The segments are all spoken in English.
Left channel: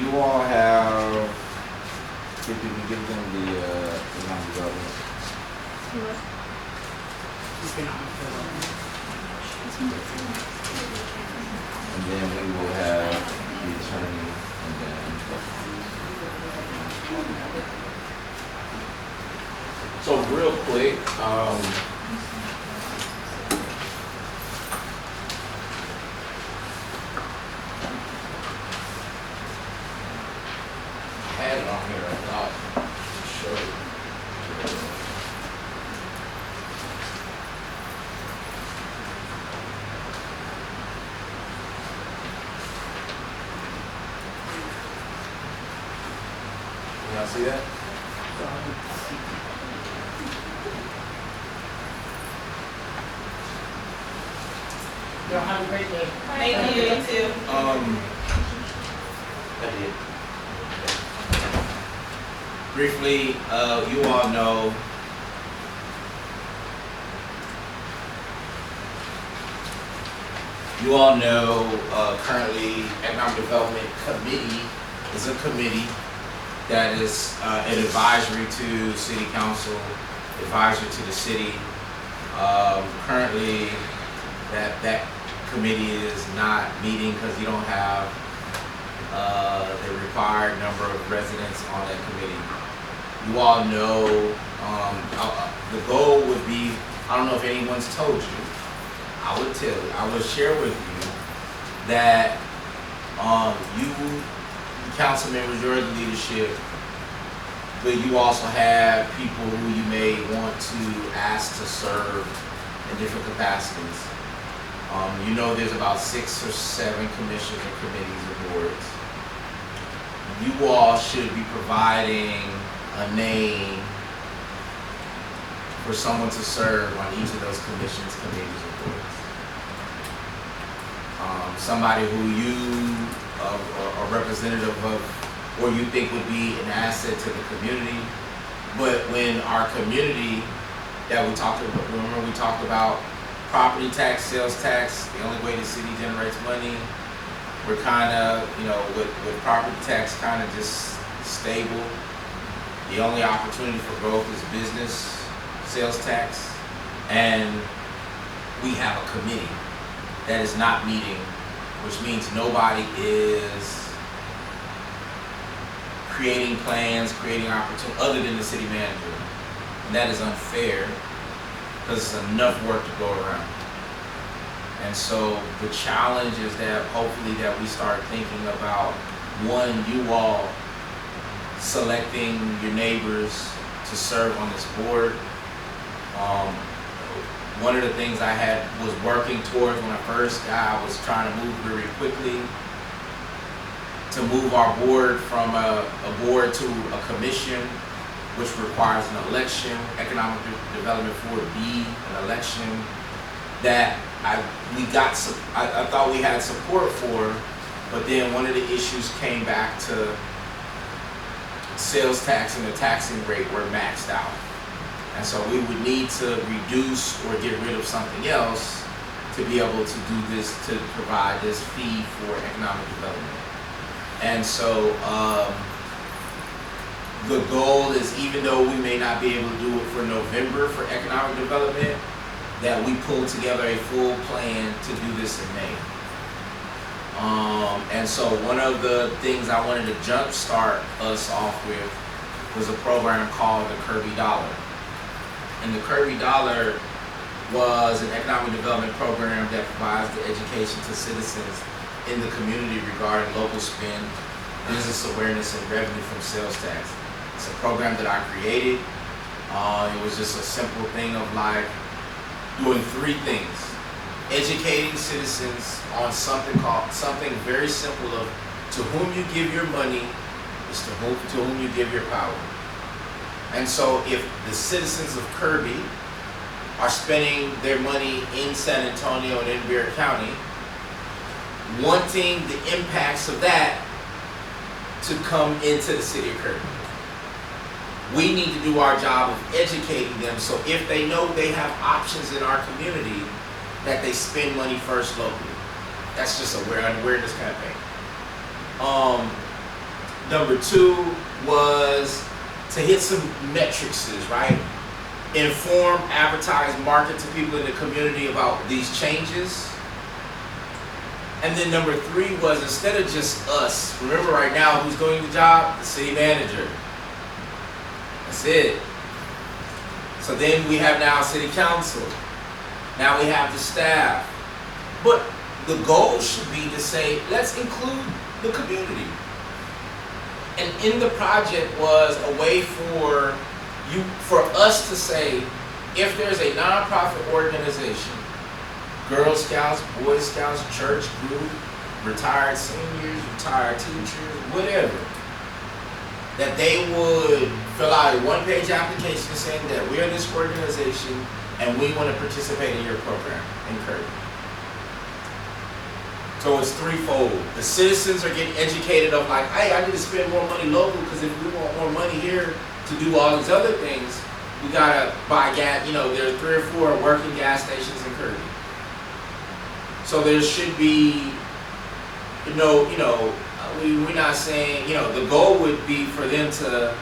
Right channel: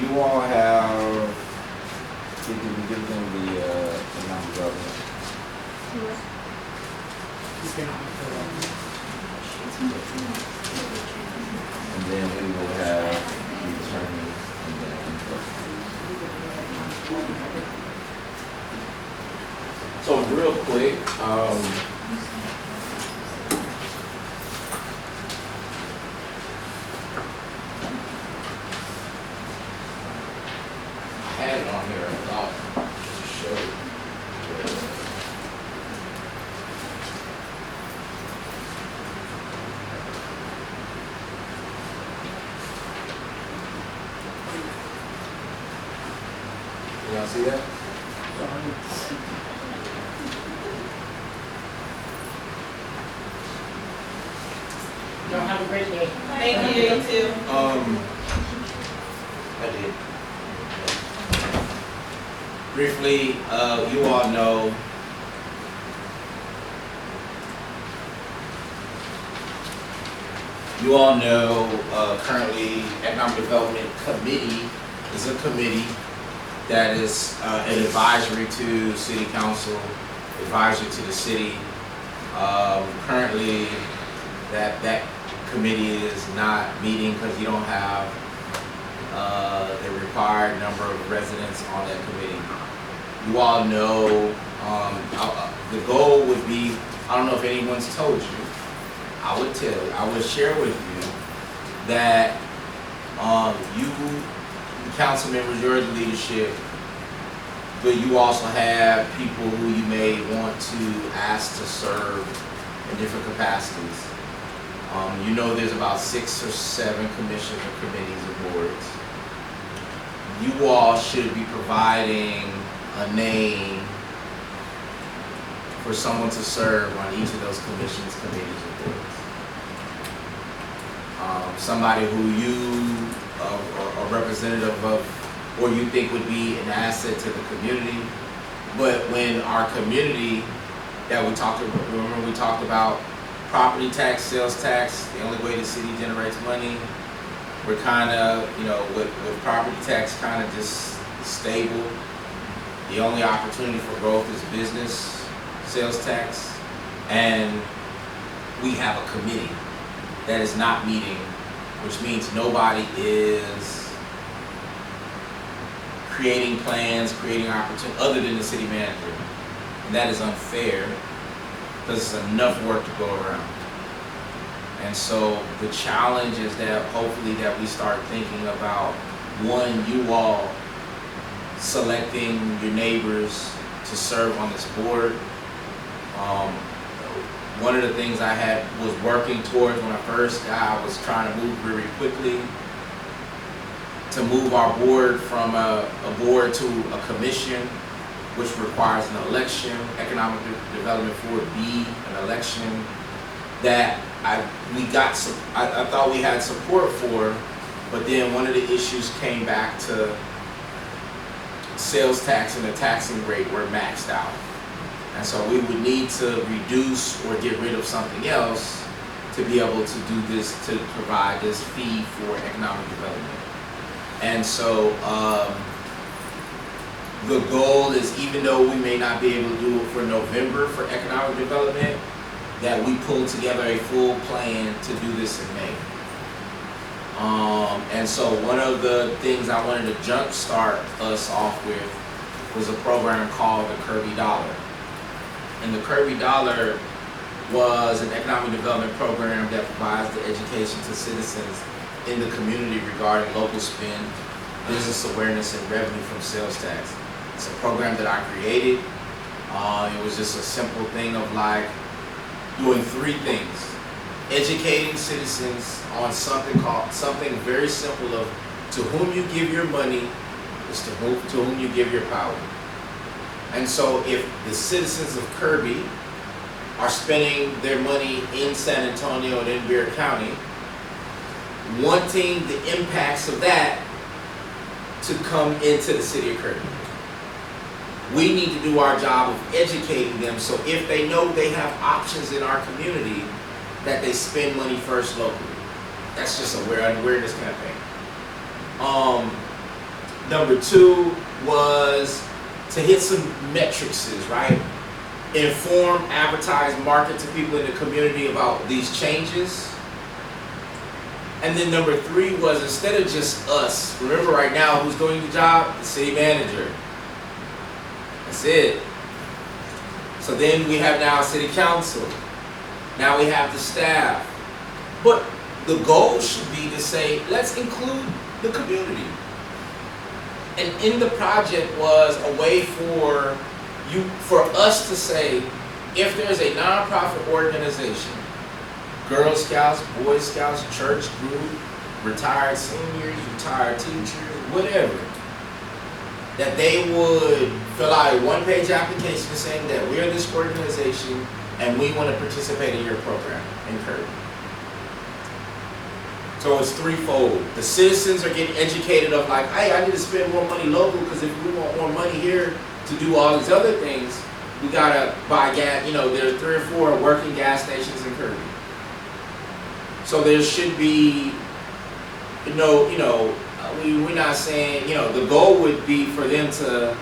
You all have, give them the non-development. And then we will have the attorney and then. So real quick, I had it on here, I thought to show you. Y'all see that? Y'all have a great day. Thank you, you too. I did. Briefly, you all know currently Economic Development Committee is a committee that is an advisory to City Council, advisory to the city. Currently, that committee is not meeting because you don't have the required number of residents on that committee. You all know the goal would be, I don't know if anyone's told you, I would share with you that you council members, you're the leadership, but you also have people who you may want to ask to serve in different capacities. You know there's about 6 or 7 commissions or committees or boards. You all should be providing a name for someone to serve on each of those commissions, committees, or boards. Somebody who you are representative of or you think would be an asset to the community. But when our community that we talked about, remember we talked about property tax, sales tax, the only way the city generates money, we're kind of, with property tax kind of just stable. The only opportunity for growth is business, sales tax, and we have a committee that is not meeting, which means nobody is creating plans, creating opportunities other than the city manager. And that is unfair because it's enough work to go around. And so the challenge is that hopefully that we start thinking about, one, you all selecting your neighbors to serve on this board. One of the things I was working towards when I first got, I was trying to move very quickly to move our board from a board to a commission, which requires an election. Economic Development Board be an election that I thought we had support for, but then one of the issues came back to sales tax and the taxing rate were maxed out. And so we would need to reduce or get rid of something else to be able to do this, to provide this fee for economic development. And so the goal is, even though we may not be able to do it for November for economic development, that we pull together a full plan to do this in May. And so one of the things I wanted to jumpstart us off with was a program called the Kirby Dollar. And the Kirby Dollar was an economic development program that provides the education to citizens in the community regarding local spend, business awareness, and revenue from sales tax. It's a program that I created. It was just a simple thing of like doing 3 things. Educating citizens on something very simple of to whom you give your money is to whom you give your power. And so if the citizens of Kirby are spending their money in San Antonio and in Bear County, wanting the impacts of that to come into the city of Kirby, we need to do our job of educating them so if they know they have options in our community, that they spend money first locally. That's just an awareness campaign. Number 2 was to hit some metrics, right? Inform, advertise, market to people in the community about these changes. And then number 3 was, instead of just us, remember right now who's doing the job? The city manager. That's it. So then we have now city council. Now we have the staff. But the goal should be to say, let's include the community. And in the project was a way for us to say, if there's a nonprofit organization, Girl Scouts, Boy Scouts, church group, retired seniors, retired teachers, whatever, that they would fill out a one-page application saying that we are this organization and we want to participate in your program in Kirby. So it's threefold. The citizens are getting educated of like, hey, I need to spend more money local because if we want more money here to do all these other things, we gotta buy gas. You know, there's 3 or 4 working gas stations in Kirby. So there should be, we're not saying, the goal would be for them to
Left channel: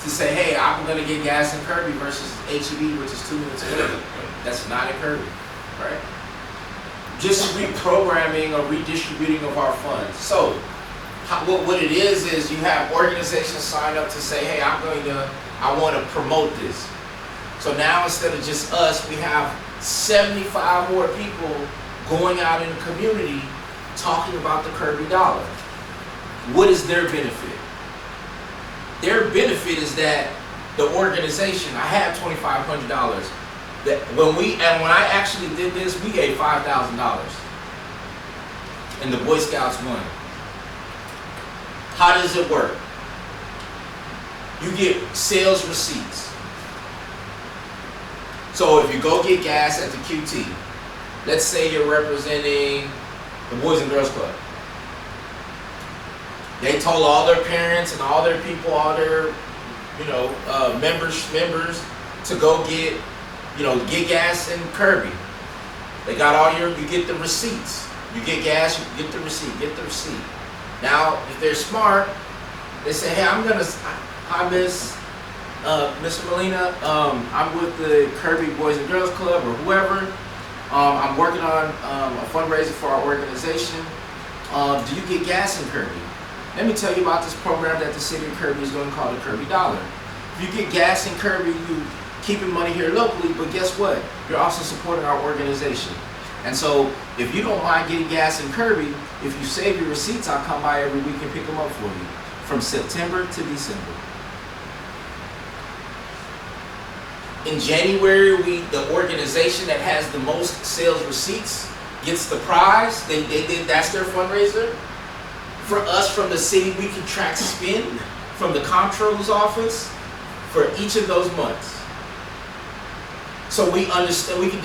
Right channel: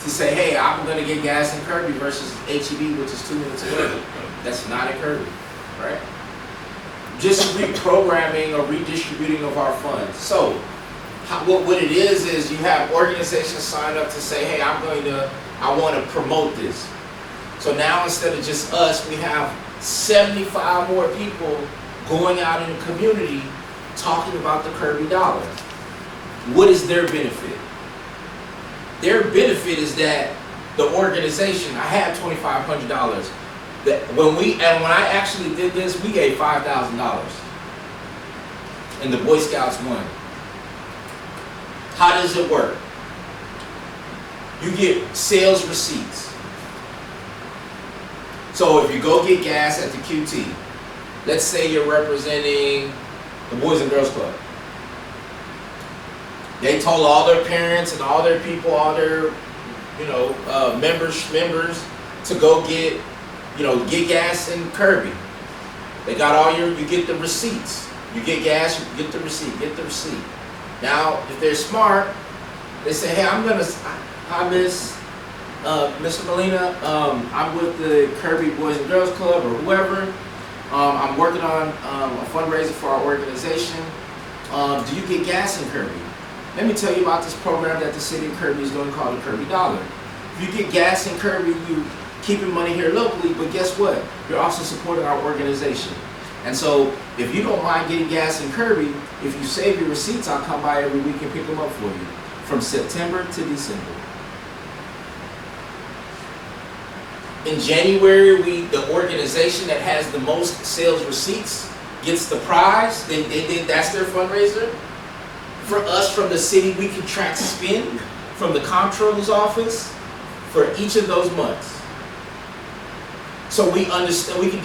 say, hey, I'm gonna get gas in Kirby versus HEB, which is 2 minutes away. That's not in Kirby, right? Just reprogramming or redistributing of our funds. So what it is you have organizations sign up to say, hey, I want to promote this. So now instead of just us, we have 75 more people going out in the community talking about the Kirby dollar. What is their benefit? Their benefit is that the organization, I had $2,500. That when I actually did this, we gave $5,000, and the Boy Scouts won. How does it work? You get sales receipts. So if you go get gas at the QT, let's say you're representing the Boys and Girls Club. They told all their parents and all their people, all their members to go get gas in Kirby. They got you get the receipts. You get gas, you get the receipt, Now, if they're smart, they say, hey, hi, Miss Molina, I'm with the Kirby Boys and Girls Club or whoever. I'm working on a fundraiser for our organization. Do you get gas in Kirby? Let me tell you about this program that the city of Kirby is doing called the Kirby Dollar. If you get gas in Kirby, you keeping money here locally, but guess what? You're also supporting our organization. And so if you don't mind getting gas in Kirby, if you save your receipts, I'll come by every week and pick them up for you from September to December. In January, the organization that has the most sales receipts gets the prize. That's their fundraiser. For us from the city, we can track spend from the comptroller's office for each of those months. So we understand, we can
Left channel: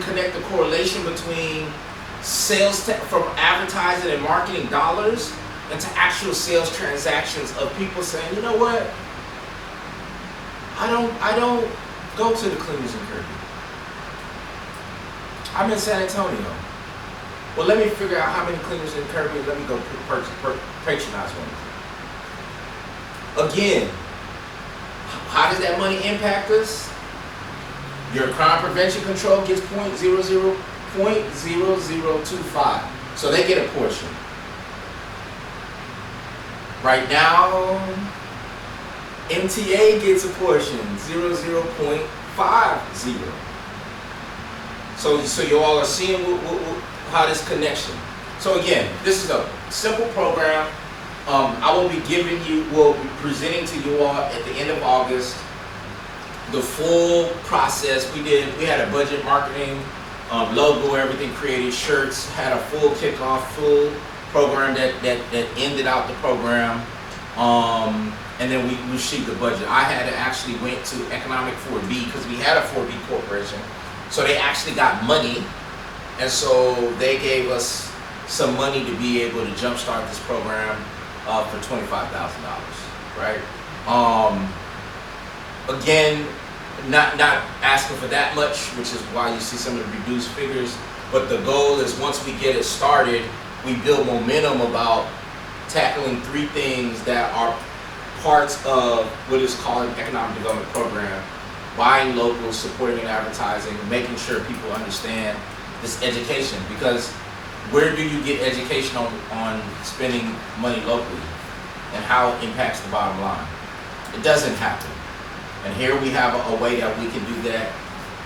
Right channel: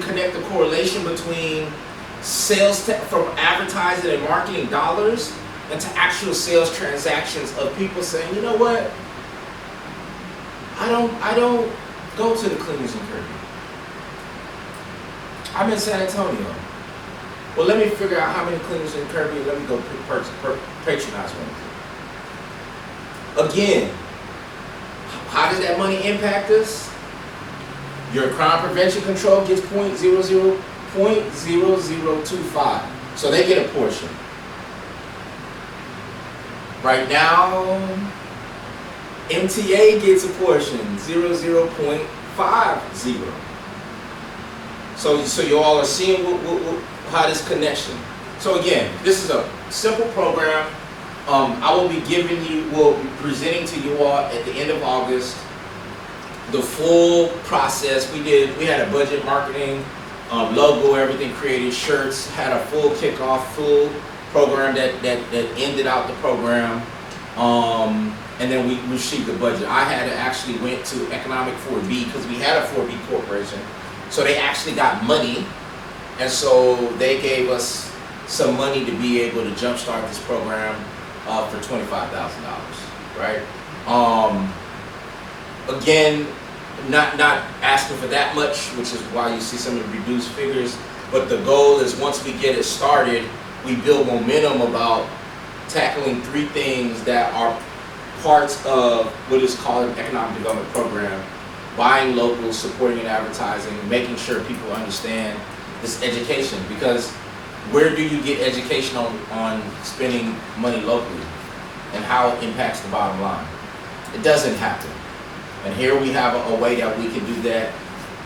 connect the correlation between sales from advertising and marketing dollars and to actual sales transactions of people saying, you know what? I don't go to the cleaners in Kirby. I'm in San Antonio. Well, let me figure out how many cleaners in Kirby. Let me go patronize one. Again, how does that money impact us? Your crime prevention control gets 0.0025. So they get a portion. Right now, MTA gets a portion, 0.50. So you all are seeing how this connection. So again, this is a simple program. I will be presenting to you all at the end of August the full process. We had a budget, marketing, logo, everything created, shirts, had a full kickoff, full program that ended out the program. And then we received the budget. I had to actually went to Economic 4B because we had a 4B corporation. So they actually got money. And so they gave us some money to be able to jumpstart this program for $25,000, right? Again, not asking for that much, which is why you see some of the reduced figures. But the goal is once we get it started, we build momentum about tackling 3 things that are parts of what is called an economic development program: buying local, supporting and advertising, making sure people understand this education. Because where do you get education on spending money locally and how it impacts the bottom line? It doesn't happen. And here we have a way that we can do that,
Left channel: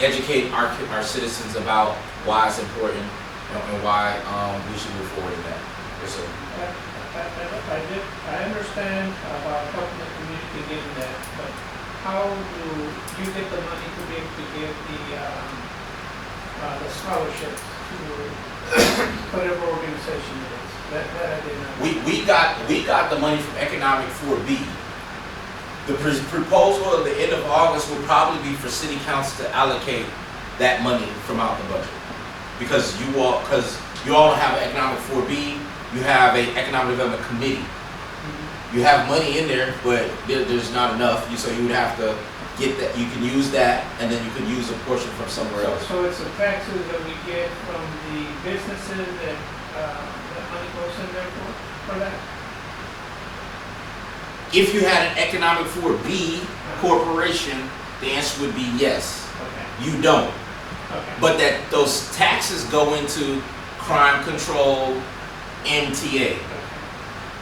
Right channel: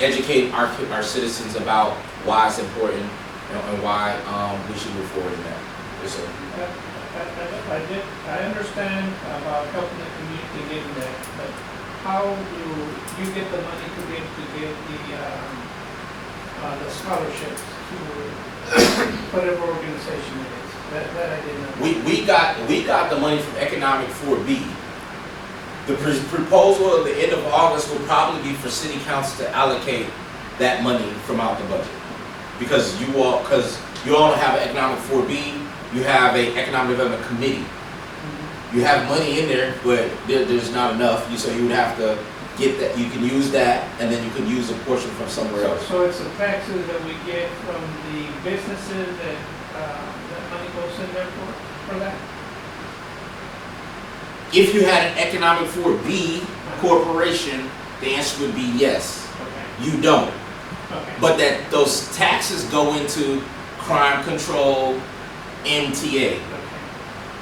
educate our citizens about why it's important and why we should move forward in that. Yes, sir. I understand about helping the community getting that, but how do you get the money to be able to give the scholarships to whatever organization it is? That I didn't know. We got the money from Economic 4B. The proposal at the end of August will probably be for City Council to allocate that money from out the budget, because you all don't have an Economic 4B. You have an Economic Development Committee. You have money in there, but there's not enough. So you would have to get that. You can use that, and then you can use a portion from somewhere else. So it's the taxes that we get from the businesses that money goes in there for that? If you had an Economic 4B corporation, the answer would be yes. Okay. You don't. Okay. But that those taxes go into crime control, MTA. Okay.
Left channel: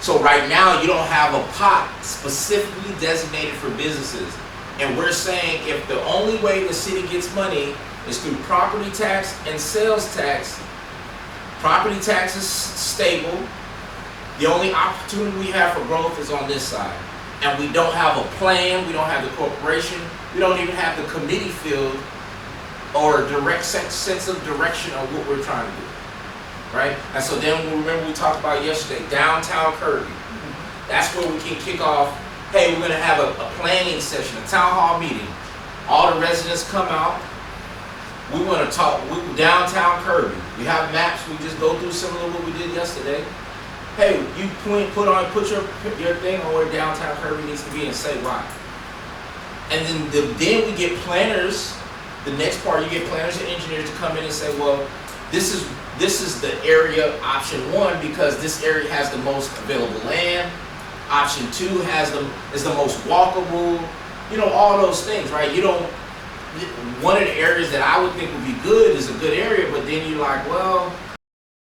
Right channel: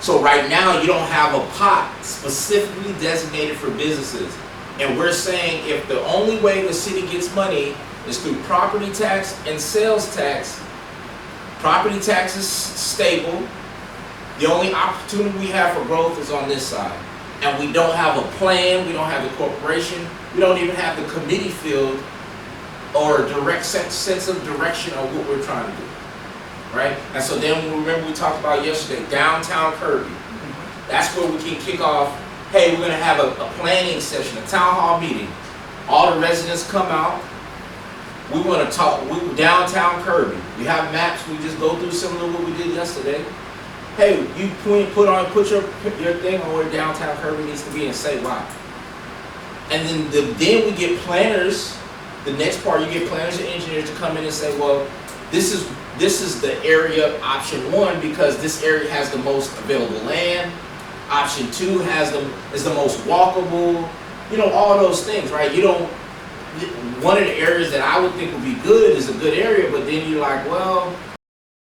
So right now you don't have a pot specifically designated for businesses. And we're saying if the only way the city gets money is through property tax and sales tax, property tax is stable. The only opportunity we have for growth is on this side. And we don't have a plan, we don't have the corporation, we don't even have the committee field or a direct sense of direction of what we're trying to do. Right? And so then remember we talked about yesterday, downtown Kirby. That's where we can kick off, hey, we're gonna have a planning session, a town hall meeting. All the residents come out. We wanna talk, downtown Kirby. We have maps, we just go through similar to what we did yesterday. Hey, you put your thing on where downtown Kirby needs to be and say why. And then we get planners. The next part, you get planners and engineers to come in and say, well, this is the area option 1 because this area has the most available land. Option 2 is the most walkable. You know, all those things, right? One of the areas that I would think would be good is a good area, but then you're like, well,